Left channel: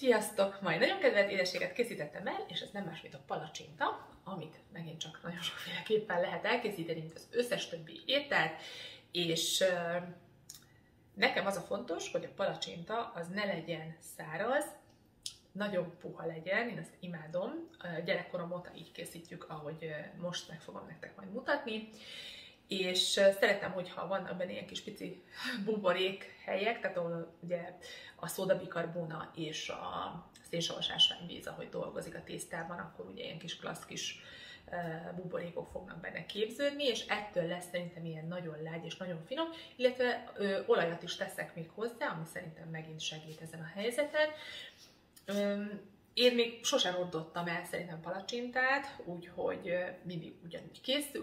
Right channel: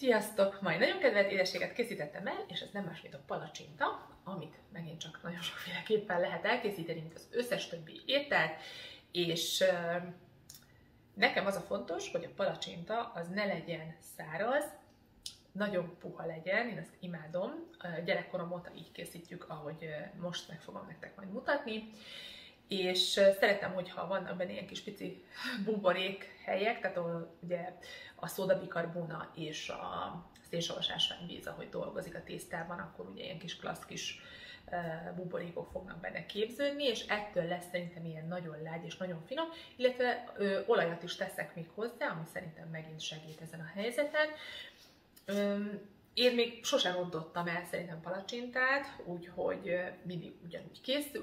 Sziasztok! Majd nagyon kedvelt édességet készítettem el, és ez nem más, mint a palacsinta, amit megint csak nagyon sokféleképpen lehet elkészíteni, mint az összes többi ételt, és nekem az a fontos, hogy a palacsinta az ne legyen száraz, nagyon puha legyen, én ezt imádom. Gyerekkorom óta így készítjük, ahogy most meg fogom nektek majd mutatni. És szeretem, hogyha vannak benne ilyen kis pici buborék helyek, tehát ahol ugye a szódabikarbóna és a szénsavas ásványvíz, ahogy dolgozik a tésztában, akkor ugye ilyen kis klassz kis buborékok fognak benne képződni, és ettől lesz szerintem ilyen nagyon lágy és nagyon finom, illetve olajat is teszek még hozzá, ami szerintem megint segít ezen a helyzeten. Én még sosem rontottam el szerintem palacsintát, úgyhogy mindig ugyanúgy készül,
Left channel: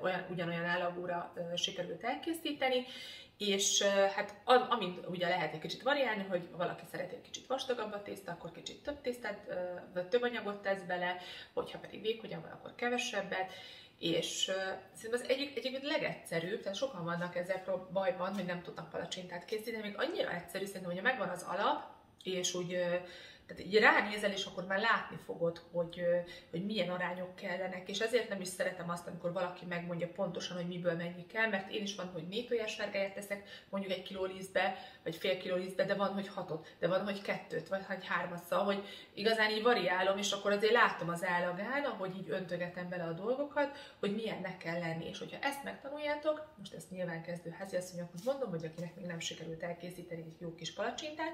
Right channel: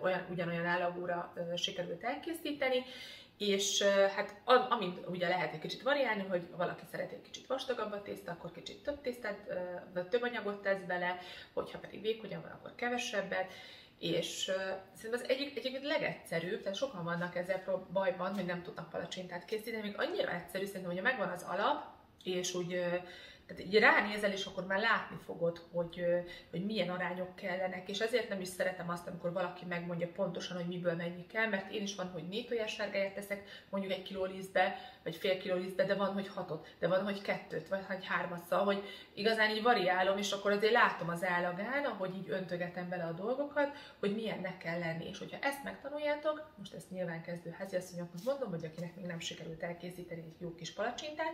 vagy ugyanolyan állagúra sikerült elkészíteni, és hát amint ugye lehet egy kicsit variálni, hogy valaki szeret egy kicsit vastagabb a tészta, akkor kicsit több tésztát, vagy több anyagot tesz bele, hogyha pedig vékonyan van, akkor kevesebbet, és szerintem az egyik legegyszerűbb, tehát sokan vannak ezzel bajban, hogy nem tudnak palacsintát készíteni, még annyira egyszerű szerintem, hogy megvan az alap, és úgy tehát így ránézel, és akkor már látni fogod, hogy milyen arányok kellenek, és ezért nem is szeretem azt, amikor valaki megmondja pontosan, hogy miből mennyi kell, mert én is van, hogy 4 tojássárgáját teszek, mondjuk 1 kiló lisztbe, vagy fél kiló lisztbe, de van, hogy 6-ot, de van, hogy 2-t, vagy 3-at, szóval, hogy igazán így variálom, és akkor azért látom az állagán, ahogy így öntögetem bele a dolgokat, hogy milyennek kell lenni, és hogyha ezt megtanuljátok, most ezt nyilván kezdő háziasszonyoknak mondom, hogy akinek még nem sikerült elkészíteni egy jó kis palacsintát,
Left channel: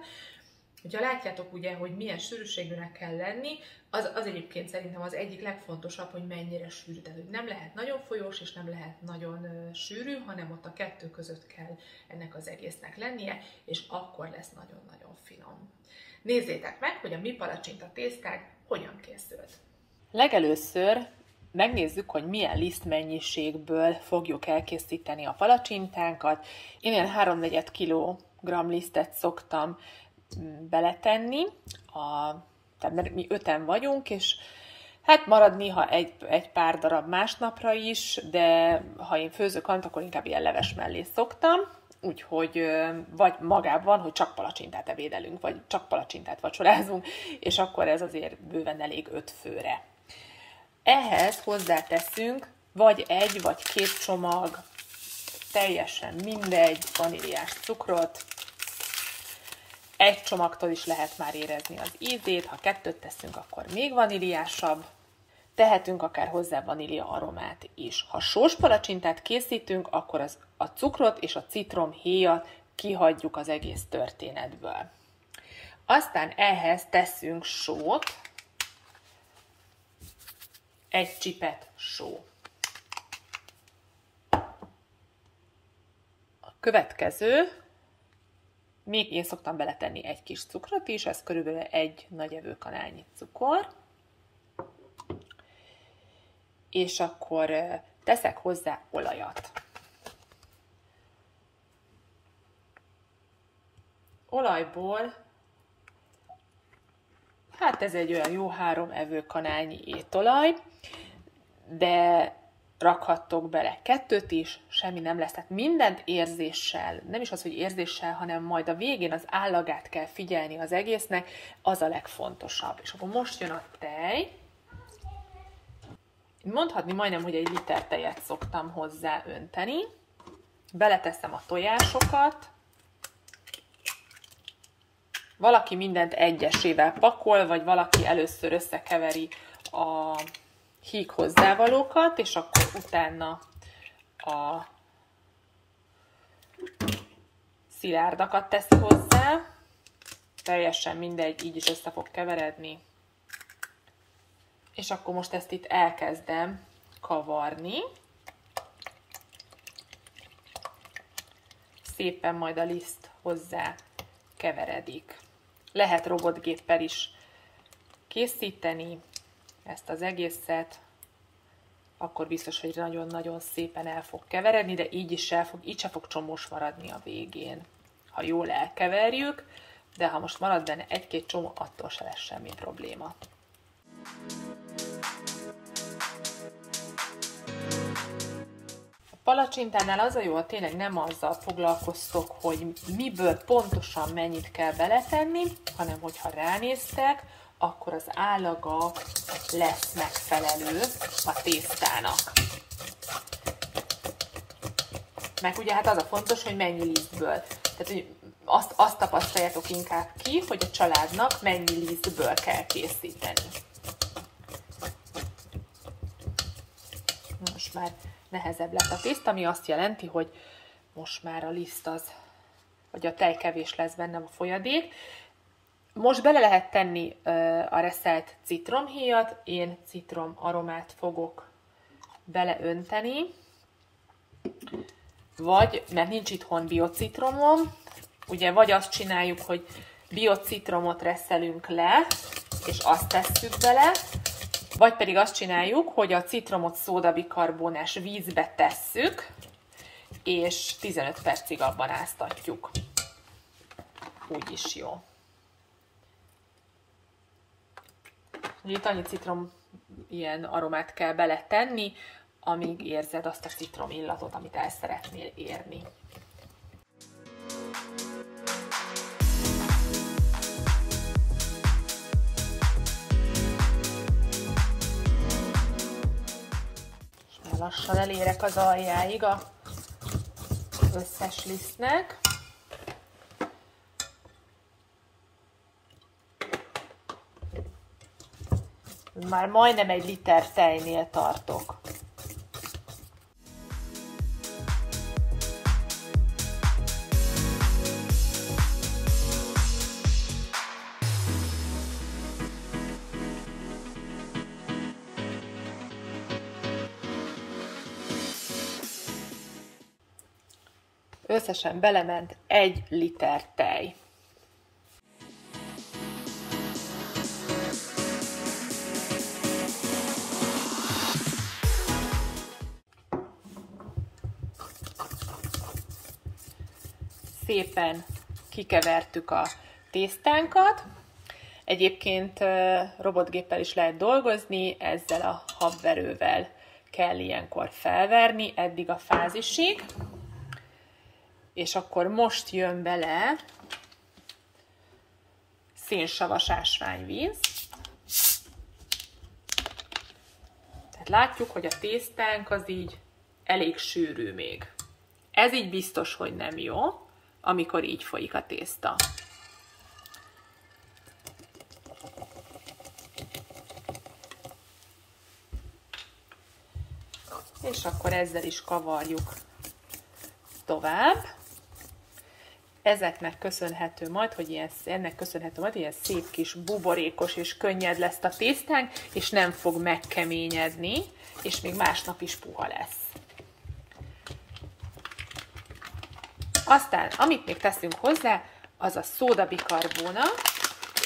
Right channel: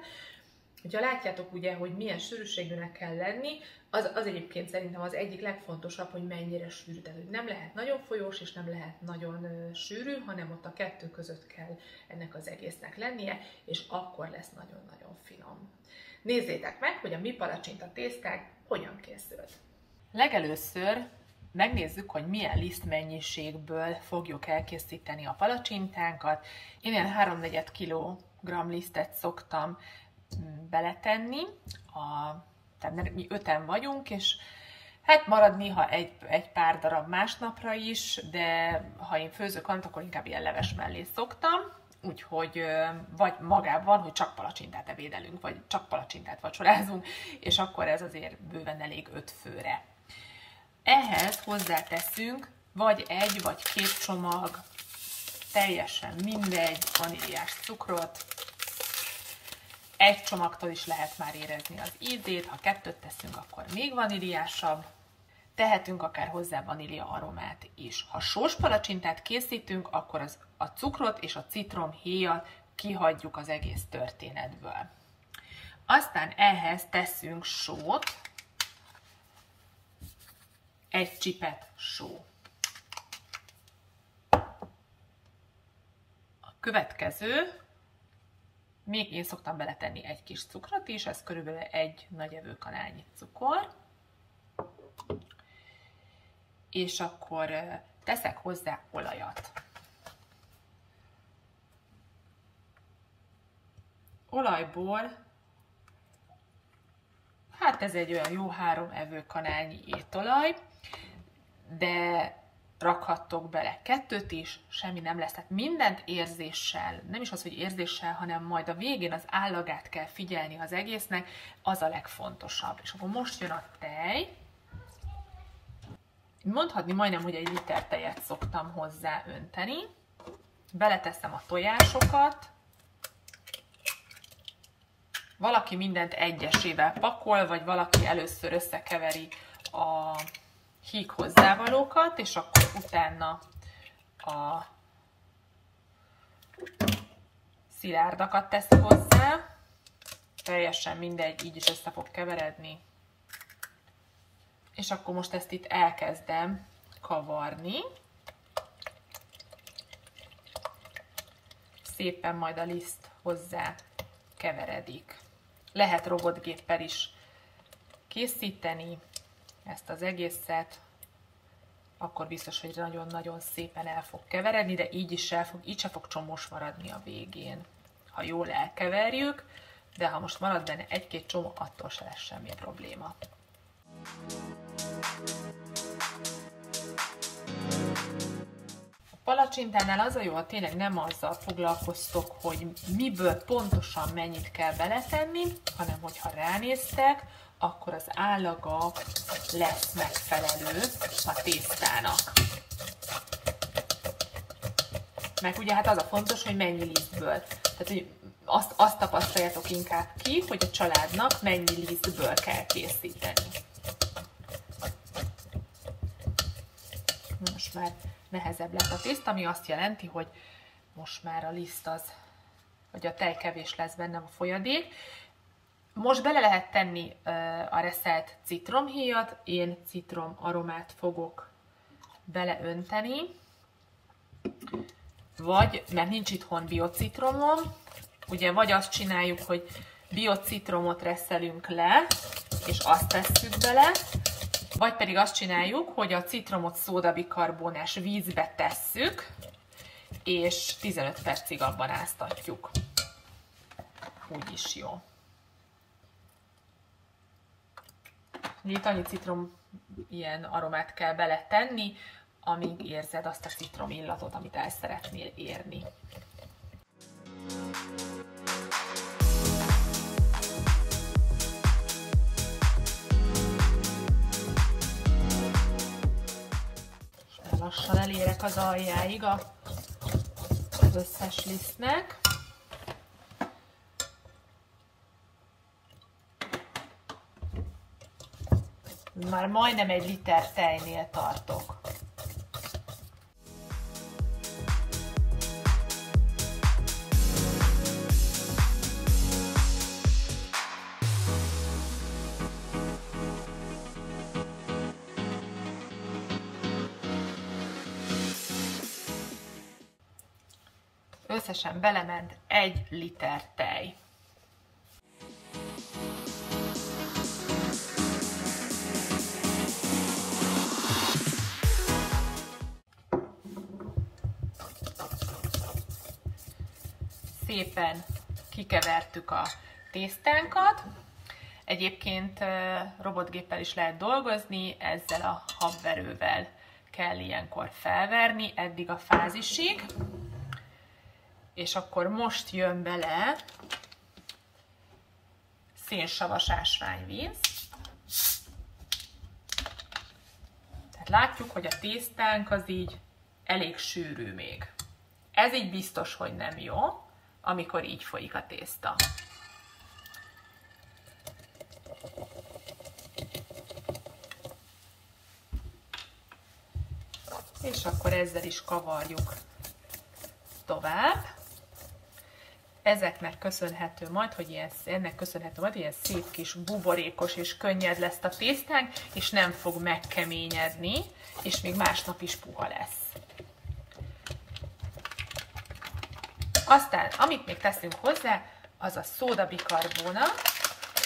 hogyha látjátok ugye, hogy milyen sűrűségűnek kell lenni, az egyébként szerintem az egyik legfontosabb, hogy mennyire sűrű. Tehát, hogy nem lehet nagyon folyós, és nem lehet nagyon sűrű, hanem ott a kettő között kell ennek az egésznek lennie, és akkor lesz nagyon-nagyon finom. Nézzétek meg, hogy a mi palacsinta tésztánk hogyan készült. Legelőször megnézzük, hogy milyen lisztmennyiségből fogjuk elkészíteni a palacsintánkat. Én ilyen 3/4 kg lisztet szoktam beletenni, tehát mi 5-en vagyunk, és hát marad néha egy pár darab másnapra is, de ha én főzök valamit, akkor inkább ilyen leves mellé szoktam, úgyhogy vagy magában, hogy csak palacsintát ebédelünk, vagy csak palacsintát vacsorázunk, és akkor ez azért bőven elég 5 főre. Ehhez hozzáteszünk vagy 1 vagy 2 csomag, teljesen mindegy, vaníliás cukrot. 1 csomagtól is lehet már érezni az ízét, ha 2-t teszünk, akkor még vaníliásabb. Tehetünk akár hozzá vanília aromát is. Ha sós palacsintát készítünk, akkor a cukrot és a citromhéjat kihagyjuk az egész történetből. Aztán ehhez teszünk sót, 1 csipet só. A következő, még én szoktam beletenni 1 kis cukrot is, ez körülbelül 1 nagy evőkanálnyi cukor. És akkor teszek hozzá olajat. Olajból, hát ez egy olyan jó 3 evőkanálnyi étolaj, de rakhattok bele 2-t is, semmi nem lesz. Tehát mindent érzéssel, nem is az, hogy érzéssel, hanem majd a végén az állagát kell figyelni az egésznek, az a legfontosabb. És akkor most jön a tej. Mondhatni majdnem, hogy 1 liter tejet szoktam hozzá önteni. Beleteszem a tojásokat. Valaki mindent egyesével pakol, vagy valaki először összekeveri a híg hozzávalókat, és akkor utána a szilárdakat teszi hozzá. Teljesen mindegy, így is össze fog keveredni. És akkor most ezt itt elkezdem kavarni. Szépen majd a liszt hozzá keveredik. Lehet robotgéppel is készíteni ezt az egészet, akkor biztos, hogy nagyon-nagyon szépen el fog keveredni, de így se fog csomós maradni a végén, ha jól elkeverjük, de ha most marad benne 1-2 csomó, attól se lesz semmi probléma. A palacsintánál az a jó, ha tényleg nem azzal foglalkoztok, hogy miből pontosan mennyit kell beletenni, hanem hogyha ránéztek, akkor az állaga lesz megfelelő a tésztának. Meg ugye hát az a fontos, hogy mennyi lisztből. Tehát, hogy azt tapasztaljátok inkább ki, hogy a családnak mennyi lisztből kell készíteni. Most már nehezebb lett a tészta, ami azt jelenti, hogy most már a liszt az, hogy a tej kevés lesz benne a folyadék. Most bele lehet tenni a reszelt citromhéjat, én citrom aromát fogok beleönteni, vagy, mert nincs itthon biocitromom, ugye vagy azt csináljuk, hogy biocitromot reszelünk le, és azt tesszük bele, vagy pedig azt csináljuk, hogy a citromot szódabikarbonás vízbe tesszük, és 15 percig abban áztatjuk. Úgy is jó. Itt annyi citrom ilyen aromát kell beletenni, amíg érzed azt a citrom illatot, amit el szeretnél érni. És már lassan elérek az aljáig az összes lisztnek. Már majdnem 1 liter tejnél tartok. Összesen belement 1 liter tej. Szépen kikevertük a tésztánkat. Egyébként robotgéppel is lehet dolgozni, ezzel a habverővel kell ilyenkor felverni eddig a fázisig. És akkor most jön bele szénsavas ásványvíz. Tehát látjuk, hogy a tésztánk az így elég sűrű még. Ez így biztos, hogy nem jó, amikor így folyik a tészta. És akkor ezzel is kavarjuk tovább. Ezeknek köszönhető majd, hogy ennek köszönhető majd, hogy ilyen szép kis buborékos és könnyed lesz a tésztánk, és nem fog megkeményedni, és még másnap is puha lesz. Aztán, amit még teszünk hozzá, az a szódabikarbóna.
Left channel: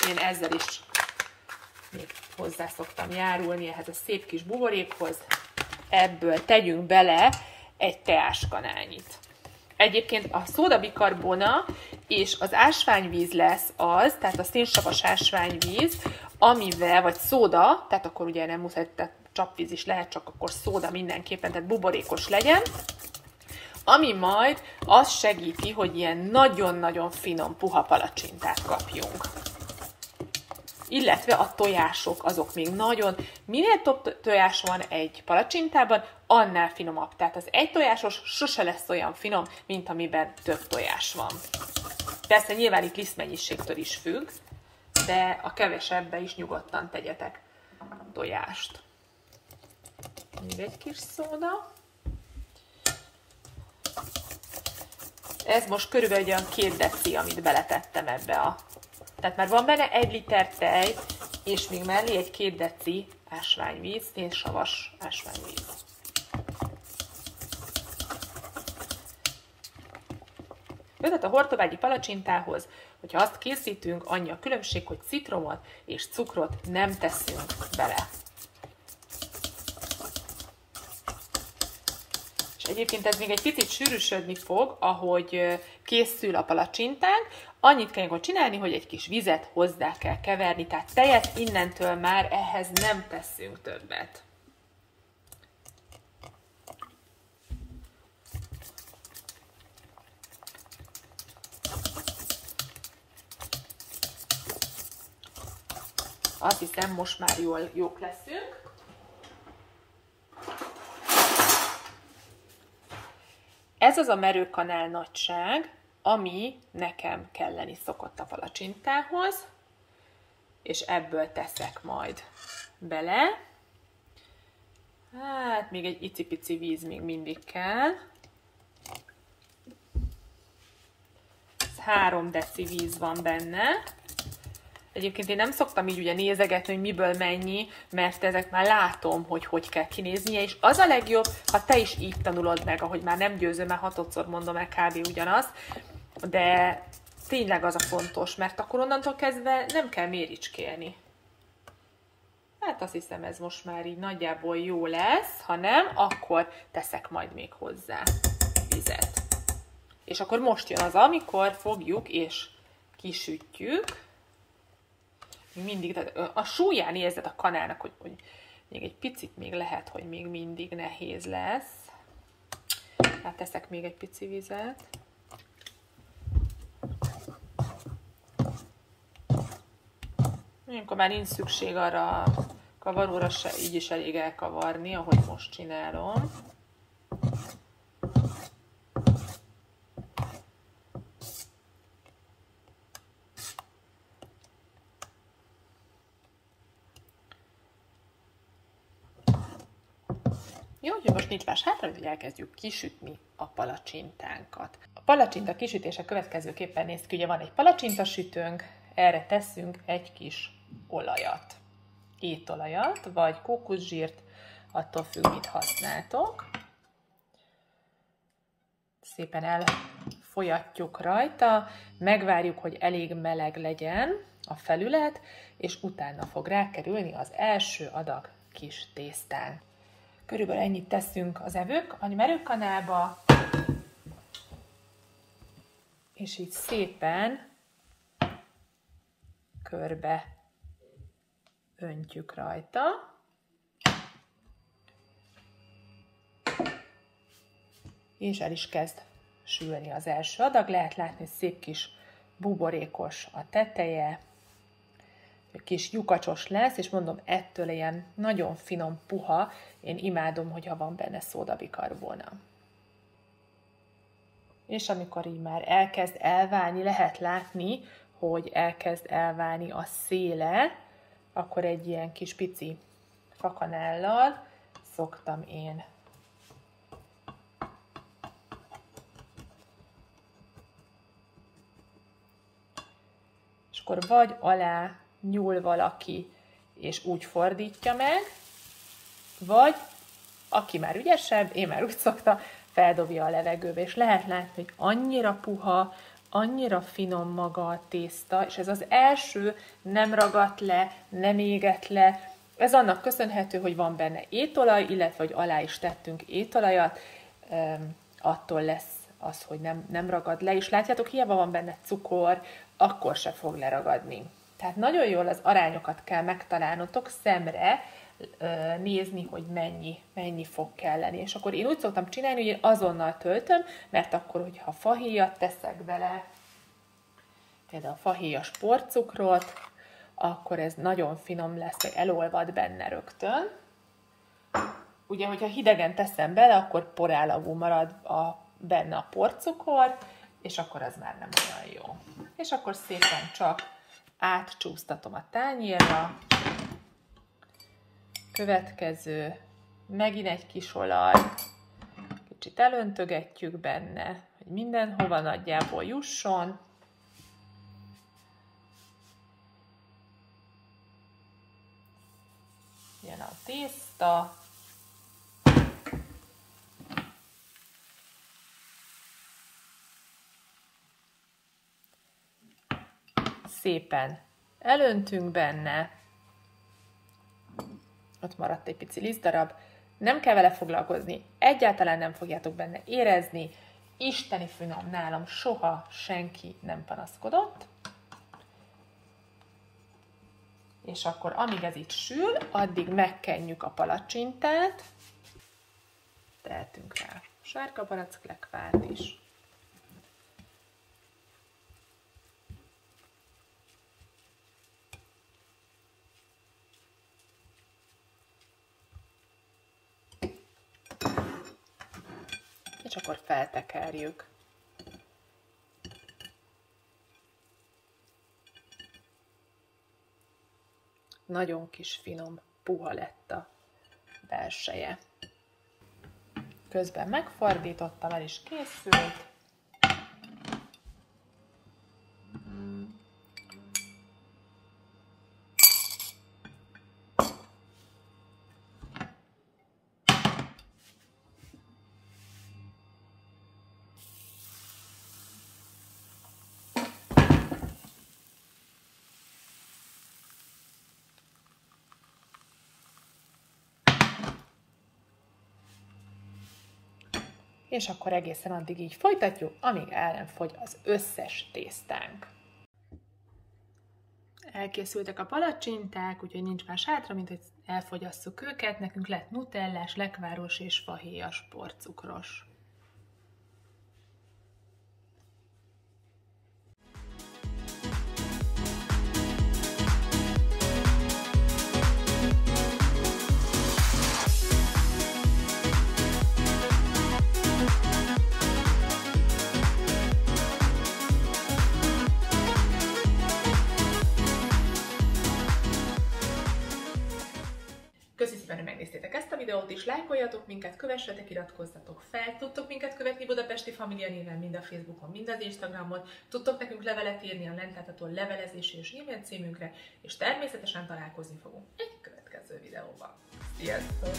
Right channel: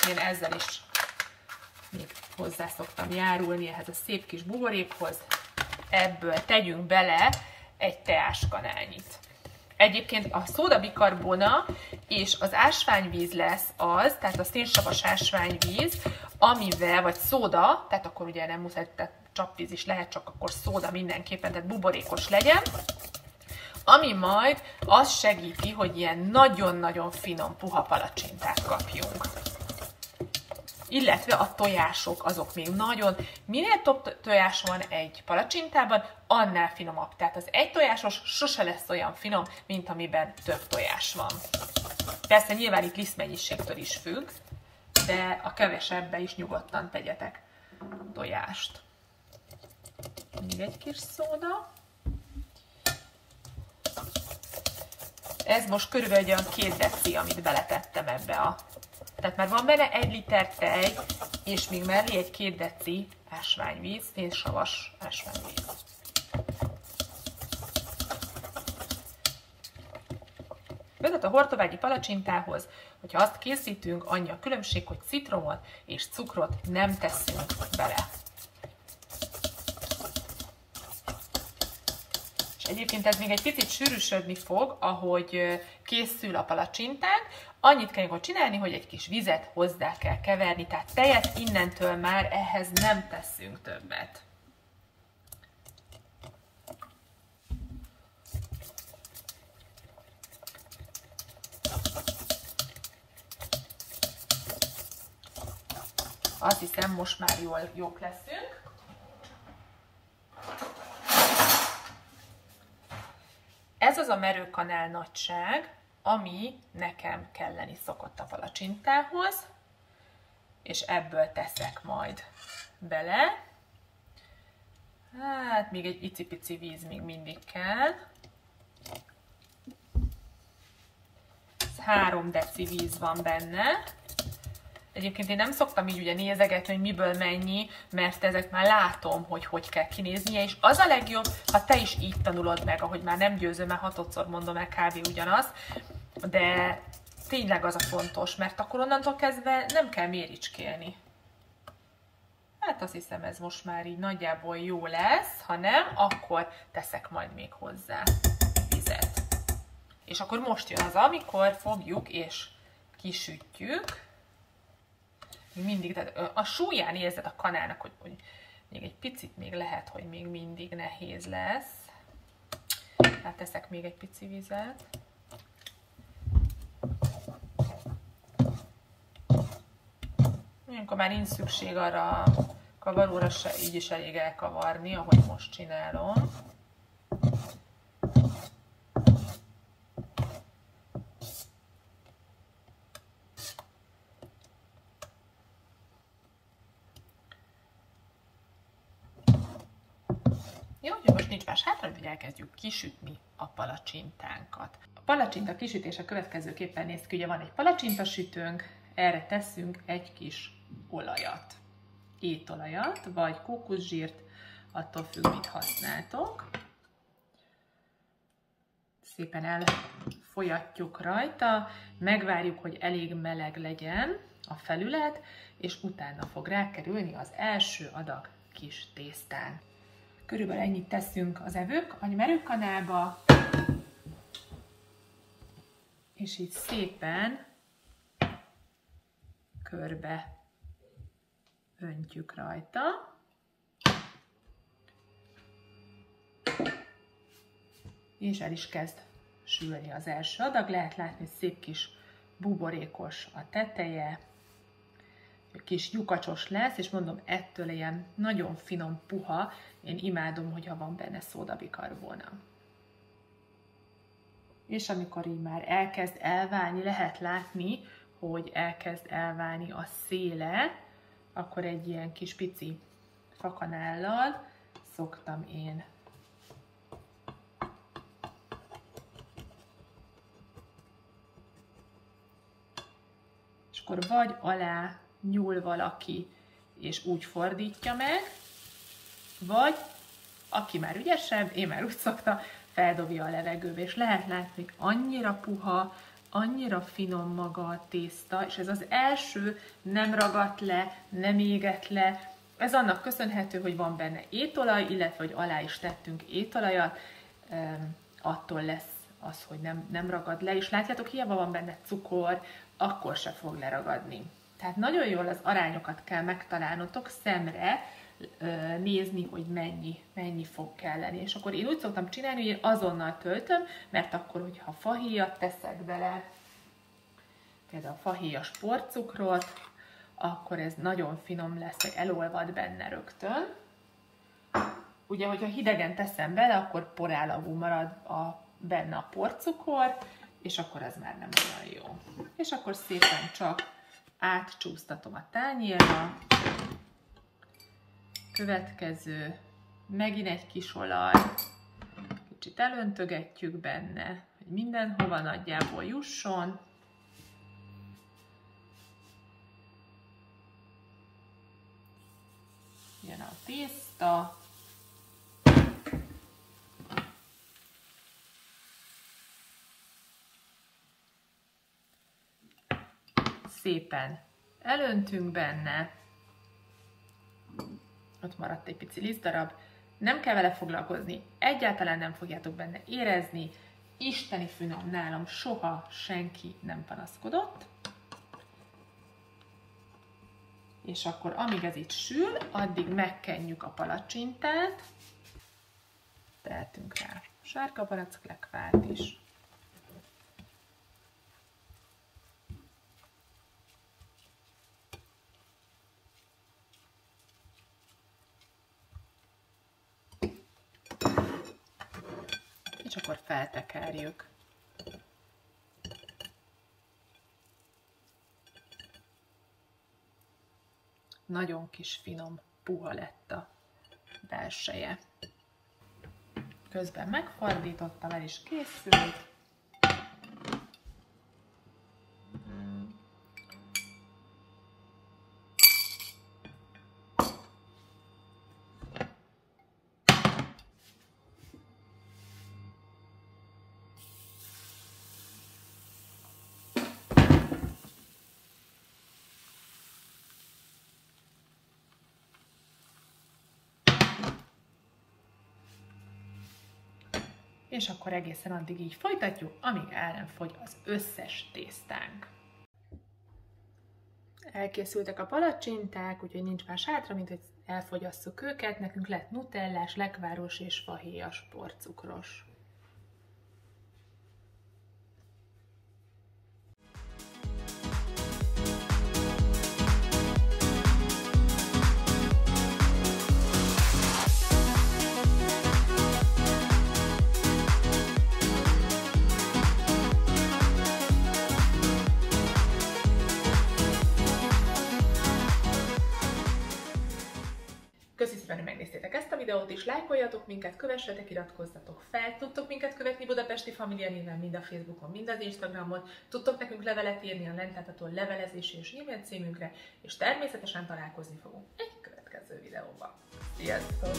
Én ezzel is még hozzá szoktam járulni ehhez a szép kis buborékhoz. Ebből tegyünk bele egy teáskanálnyit. Egyébként a szódabikarbona és az ásványvíz lesz az, tehát a szénsavas ásványvíz, amivel, vagy szóda, tehát akkor ugye nem muszáj, tehát csapvíz is lehet, csak akkor szóda mindenképpen, tehát buborékos legyen, ami majd azt segíti, hogy ilyen nagyon-nagyon finom puha palacsintát kapjunk. Illetve a tojások, azok még nagyon, minél több tojás van egy palacsintában, annál finomabb. Tehát az egy tojásos sose lesz olyan finom, mint amiben több tojás van. Persze nyilván itt lisztmennyiségtől is függ, de a kevesebbe is nyugodtan tegyetek tojást. Még egy kis szóda. Ez most körülbelül olyan 2 deci, amit beletettem ebbe a... Tehát már van benne 1 liter tej, és még mellé egy 2 deci ásványvíz, szénsavas ásványvíz. Tehát a hortobágyi palacsintához, hogyha azt készítünk, annyi a különbség, hogy citromot és cukrot nem teszünk bele. És egyébként ez még egy picit sűrűsödni fog, ahogy készül a palacsintánk. Annyit kell csinálni, hogy egy kis vizet hozzá kell keverni, tehát tejet innentől már ehhez nem teszünk többet. azt hiszem most már jók leszünk. Ez az a merőkanál nagyság, ami nekem kelleni szokott a palacsintához, és ebből teszek majd bele. Hát még egy icipici víz még mindig kell. 3 deci víz van benne. Egyébként én nem szoktam így ugye nézegetni, hogy miből mennyi, mert ezek már látom, hogy kell kinéznie, és az a legjobb, ha te is így tanulod meg, ahogy már nem győzöm, mert 6-szor mondom el kb. Ugyanaz, de tényleg az a fontos, mert akkor onnantól kezdve nem kell méricskélni. Hát azt hiszem, ez most már így nagyjából jó lesz, ha nem, akkor teszek majd még hozzá vizet. És akkor most jön az, amikor fogjuk és kisütjük. Mindig, tehát a súlyán érzed a kanálnak, hogy még egy picit még lehet, hogy még mindig nehéz lesz. Hát teszek még egy pici vizet. Amikor már nincs szükség arra a kavaróra, se így is elég elkavarni, ahogy most csinálom. Jó, hogy most nincs más hátra, hogy elkezdjük kisütni a palacsintánkat. A palacsinta kisütése következőképpen néz ki, ugye van egy palacsintasütőnk, erre teszünk egy kis olajat. Étolajat, vagy kókuszsírt, attól függ, mit használtok. Szépen elfolyatjuk rajta, megvárjuk, hogy elég meleg legyen a felület, és utána fog rákerülni az első adag kis tésztán. Körülbelül ennyit teszünk az a merőkanálba, és így szépen körbe öntjük rajta. És el is kezd sülni az első adag. Lehet látni, szép kis buborékos a teteje, kis lyukacsos lesz, és mondom, ettől ilyen nagyon finom, puha. Én imádom, hogyha van benne szódabikarbóna. És amikor így már elkezd elválni, lehet látni, hogy elkezd elválni a széle, akkor egy ilyen kis pici fakanállal szoktam én és akkor vagy alá nyúl valaki, és úgy fordítja meg, vagy aki már ügyesebb, én már úgy szokta, feldobja a levegőbe, és lehet látni, hogy annyira puha, annyira finom maga a tészta, és ez az első nem ragadt le, nem égett le. Ez annak köszönhető, hogy van benne étolaj, illetve hogy alá is tettünk étolajat, attól lesz az, hogy nem ragad le, és látjátok, hiába van benne cukor, akkor se fog leragadni. Tehát nagyon jól az arányokat kell megtalálnotok szemre, nézni, hogy mennyi fog kelleni. És akkor én úgy szoktam csinálni, hogy én azonnal töltöm, mert akkor, hogyha fahéjat teszek bele, például a fahéjas porcukrot, akkor ez nagyon finom lesz, hogy elolvad benne rögtön. Ugye, hogyha hidegen teszem bele, akkor porállagú marad benne a porcukor, és akkor ez már nem olyan jó. És akkor szépen csak átcsúsztatom a tányérra. Következő, megint egy kis olaj, kicsit elöntögetjük benne, hogy mindenhova nagyjából jusson. Jön a tészta. Szépen elöntünk benne. Ott maradt egy pici lisztdarab. Nem kell vele foglalkozni, egyáltalán nem fogjátok benne érezni. Isteni finom, nálam soha senki nem panaszkodott. És akkor amíg ez itt sül, addig megkenjük a palacsintát. Tehetünk rá sárga palacklekkvát is. és akkor feltekerjük. Nagyon kis finom, puha lett a belseje. Közben megfordítottam, el is készült. És akkor egészen addig így folytatjuk, amíg el nem fogy az összes tésztánk. Elkészültek a palacsinták, úgyhogy nincs más hátra, mint hogy elfogyasszuk őket. Nekünk lett nutellás, lekváros és fahéjas porcukros. Köszi szépen, hogy megnéztétek ezt a videót is, lájkoljatok minket, kövessetek, iratkozzatok fel, tudtok minket követni Budapesti Família néven, mind a Facebookon, mind az Instagramon, tudtok nekünk levelet írni a lent látható levelezési és e-mail címünkre, és természetesen találkozni fogunk egy következő videóban. Sziasztok!